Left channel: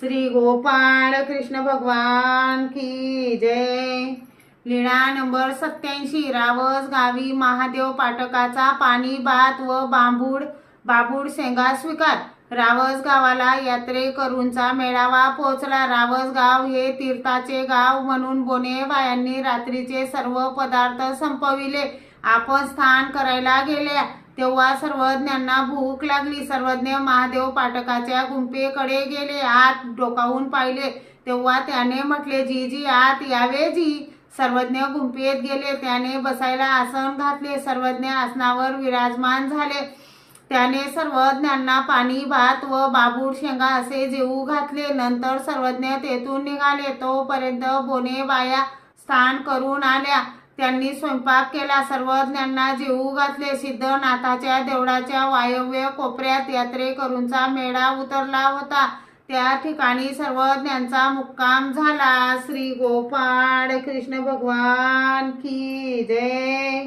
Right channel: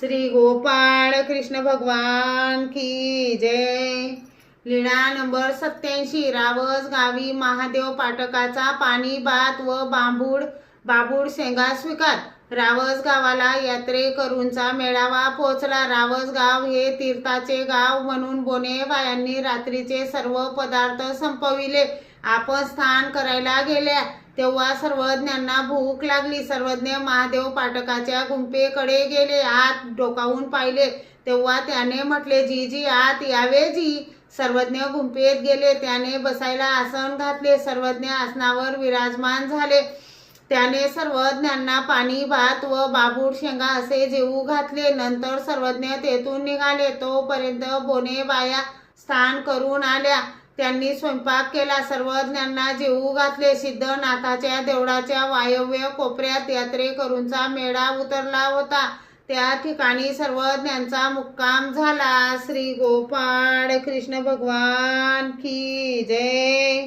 श्री गोपाळ कृष्ण भगवान की जय। लीळा नंबर 87। रावस गावी महादेव पाटकाचा पाणी भात व बाबूड शेंगा स्वीकार। रावस गावाला यात्रेकरूंचा मेळावा पोचला। रावस गाव हे तीर्थाचे गाव म्हणून बोने बायांनी रात्रीचे सर्व पदार्थ संपविले। आपण स्नान करायला गेल्या तेव्हा सर्वज्ञांना भूक लागली। सर्वज्ञ महादेव पाटकाच्या गुंफेकडे गेले। आत डोकावून पाहिले तेव्हा त्याने म्हटले, जी आत यावे जी। सर्वज्ञ गुंफेत गेले। त्याने बसायला आसन घातले। सर्वज्ञ आसनावर विराजमान झाले। त्याने सर्वज्ञांना पाणी भात व बाबूड शेंगा असे जेवू घातले। नंतर सर्वज्ञ तेथून निघाले। तोपर्यंत बोने बाया स्नान करून आल्या। त्यांनी स्वयंपाक केला। सर्वज्ञांना जेवू घातले। सिद्धनाथाच्या देवळाच्या वायव्य कोपऱ्यात यात्रेकरूंचा मेळा उतरला होता। त्या ठिकाणी सर्वज्ञांचा मुक्काम झाला। श्री गोपाळ कृष्ण भगवान की जय।